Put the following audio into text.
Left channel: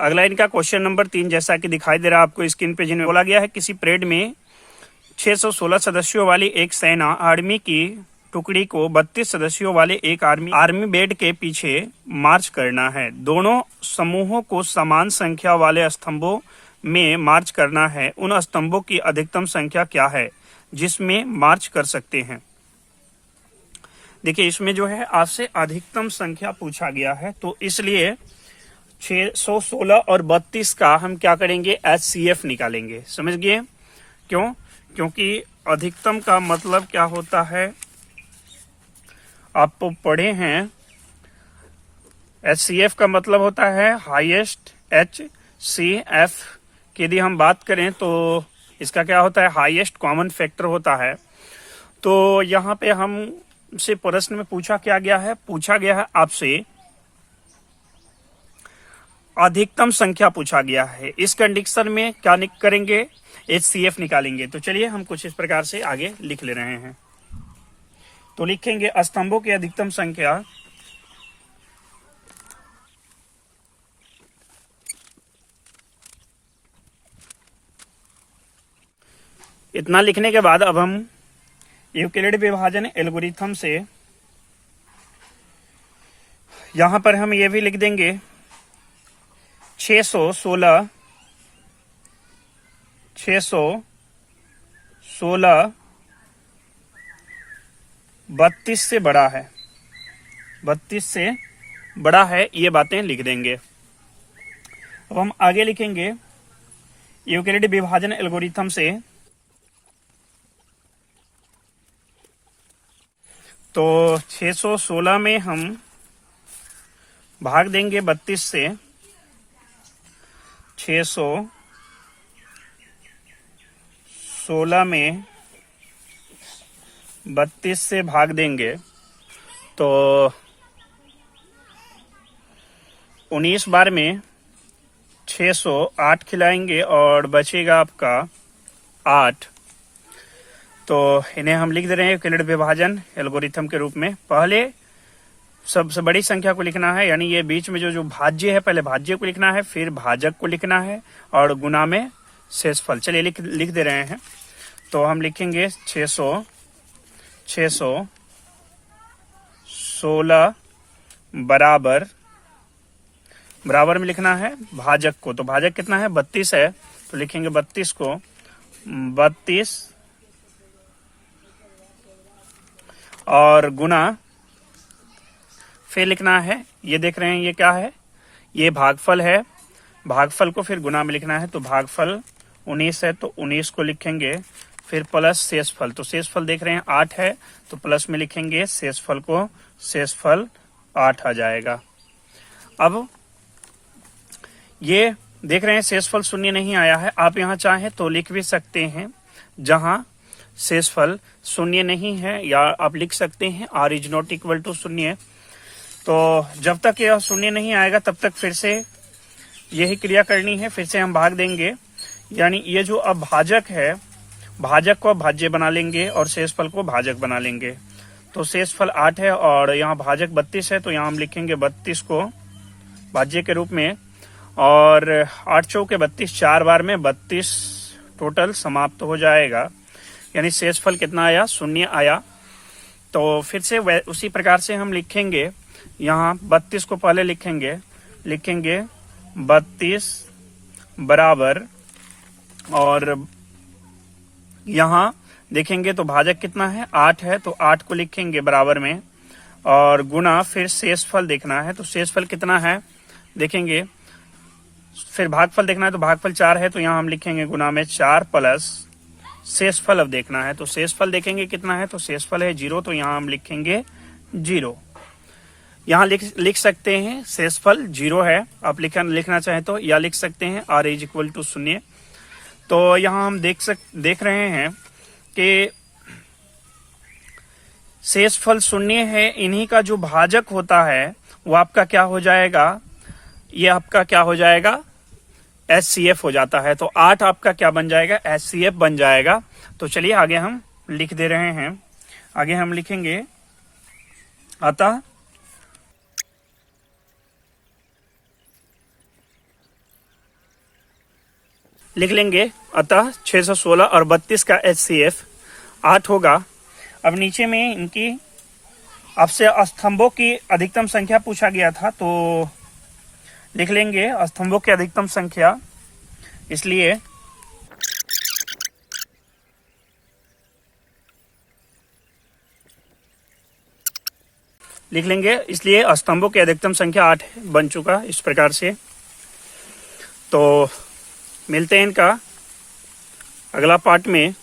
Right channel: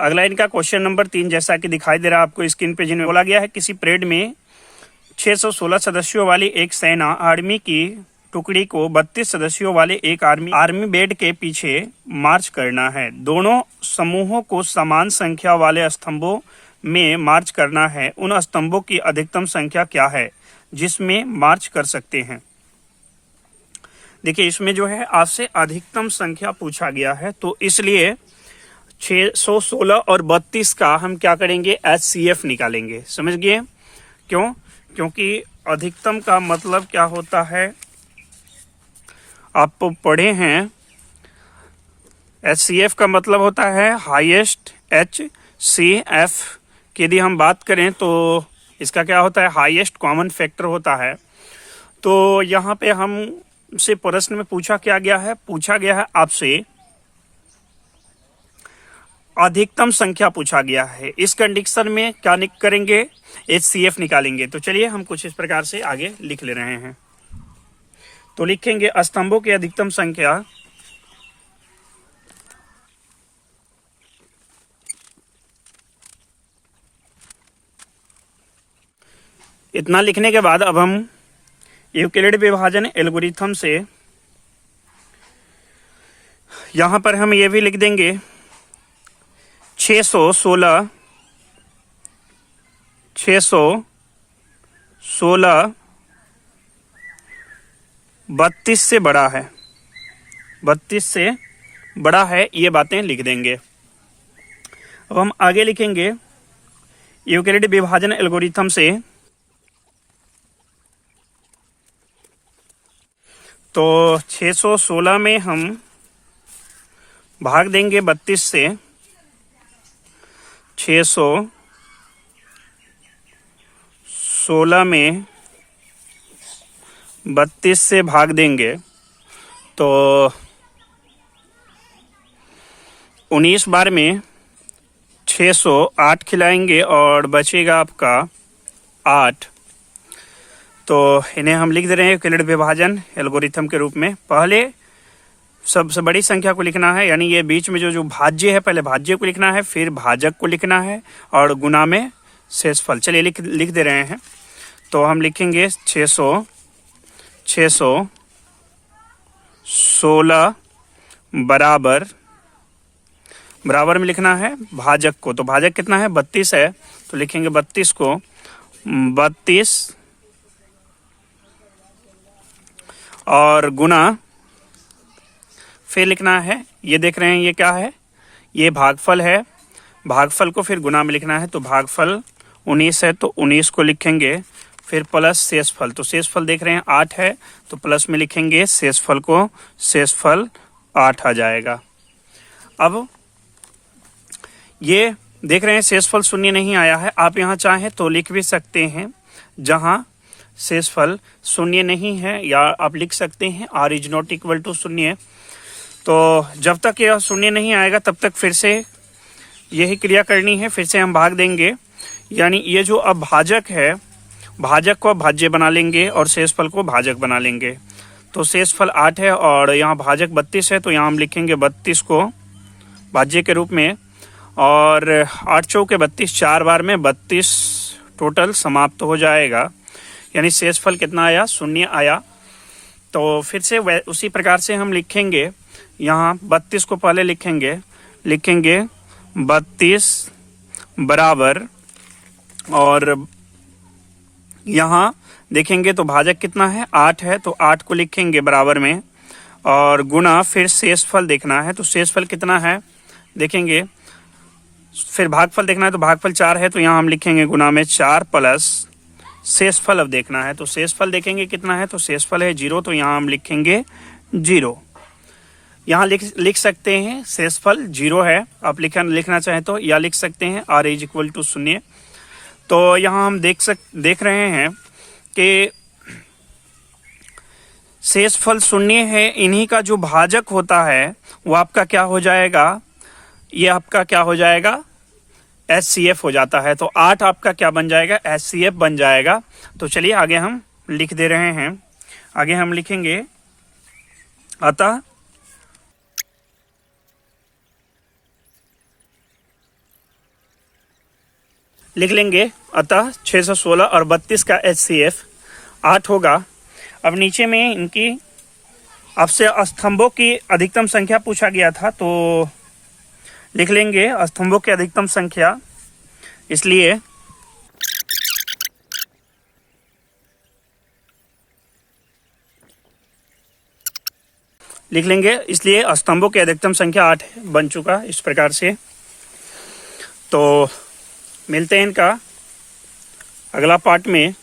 अगला इनका question number 3 जैसा कि दिखाई दे रहा है आपको स्क्रीन पे, जिनमें बोला गया है किसी परेड में 616 सदस्यों वाली एक सेना आर्मी की टुकड़ी को 32 सदस्यों वाले एक आर्मी बेड के पीछे मार्च करना है। दोनों समूहों को समान संख्या वाले स्तंभों में मार्च करना है। उन स्तंभों की अधिकतम संख्या क्या है जिसमें मार्च कर सकते हैं। देखिए इसमें जो है आपसे अधिकतम संख्या पूछा गया है, तो इसलिए 616 और 32 का हम क्या करेंगे, HCF निकालेंगे। समझ गए क्यों? क्योंकि अधिकतम का मतलब क्या होता है, आप पढ़े हैं, HCF का मतलब होता है हाईएस्ट। HCF की यदि हम बात करें तो इसका क्या होता है, हाईएस्ट कॉमन फैक्टर होता है। तो यहाँ पे हमसे प्रश्न में पूछा गया है आपसे अधिकतम संख्या पूछा गया है। इस कंडीशन में क्या करेंगे, HCF निकालेंगे। तो चलिए हम कुछ इस प्रकार से आगे लिख ले रहे हैं। तो लिखेंगे स्तंभों की अधिकतम संख्या इतना लिखने के बाद अब हम यूक्लिड विभाजन एल्गोरिथम से यहां पर हम ये भी लिख देंगे 616 32 से बड़ा है, 32 से बड़ा है, ये बातें लिख देंगे। अब हम आगे लिखेंगे यूक्लिड विभाजन एल्गोरिथम से, तो 616 में हम भाग देंगे 32 से, 616 में 32 से भाग देंगे तो 19 बार में 608 खिलाएंगे और बचेगा आपका 8। तो इन्हें हम लिख दे रहे हैं यूक्लिड विभाजन एल्गोरिथम के रूप में। पहले सबसे बड़ी संख्या को लिखना है, यानी ये बीच में जो भाज्य है, पहले भाज्य को लिखना है, फिर भाजक को लिखना है और गुना में शेषफल। चलिए लिख दे रहे हैं। तो हम लिखेंगे 616 बराबर में लिखना है भाजक को। तो भाजक कितना है, 32 है, तो लिखेंगे 32 को 32 और गुना फिर लिखना है, ये देख रहे हैं ये क्या है, ये भागफल है, भागफल को फिर गुना में लिखना है। तो भागफल 19 है तो 19 को लिखेंगे, फिर प्लस शेषफल। तो शेषफल देख रहे हैं 8 है, तो प्लस में लिखेंगे शेषफल को, शेषफल 8 आ जाएगा। अब ये देख रहे हैं शेषफल शून्य नहीं आया है, आप यहाँ चाहें तो लिख भी सकते हैं जहां शेषफल शून्य नहीं है, या आप लिख सकते हैं r is not equal to शून्य। तो जब तक यह शून्य नहीं आएगा तब तक फिर से यही क्रिया करनी है, फिर से हम भाग देंगे, यानी ये जो अब भाजक है, भाजक को भाज्य बना लेंगे और शेषफल को भाजक बना लेंगे। तो शेषफल 8 है और यहाँ भाजक 32 है, तो यहाँ हम लिखेंगे 32 को भाज्य के रूप में, और 8 चौके 32, 4 बार में 32 टोटल समाप्त हो जाएगा, यानी शेषफल कितना आया, शून्य आया। तो फिर से उसी प्रकार से हम लिखेंगे, यहाँ 32 को पहले लिखेंगे 32 बराबर, और यहाँ देखेंगे तो भाजक कितना है, 8 है, तो 8 को लिखेंगे बराबर में, और गुना फिर शेषफल देखना है। तो शेषफल कितना है देखेंगे, फिर भागफल देखना है, तो भागफल 4 है, तो यहाँ हम लिखेंगे गुना में 4 प्लस शेषफल अब देखना है। तो शेषफल देखेंगे कितना है, तो शेषफल है 0, तो यहाँ हम लिखेंगे 0। यहाँ लिख सकते हैं शेषफल 0 है, आप लिखना चाहें तो, या लिख सकते हैं r इज इक्वल टू 0। तो यहाँ हम देख रहे हैं कि शेषफल 0 है, इन्हीं का जो भाजक होता है वो आपका क्या हो जाएगा, ये आपका क्या हो जाएगा, HCF हो जाता है। तो 8 आपका क्या बन जाएगा, HCF बन जाएगा। तो चलिए आगे हम लिख दे रहे हैं, आगे हम लिखेंगे अतः लिख लेंगे। अतः 616 और 32 का HCF 8 होगा। अब नीचे में इनकी आपसे स्तंभों की अधिकतम संख्या पूछा गया था, तो लिख लेंगे स्तंभों की अधिकतम संख्या, इसलिए लिख लेंगे, इसलिए स्तंभों की अधिकतम संख्या 8 बन चुका इस प्रकार से। तो मिलते हैं इनका अगला पार्ट में।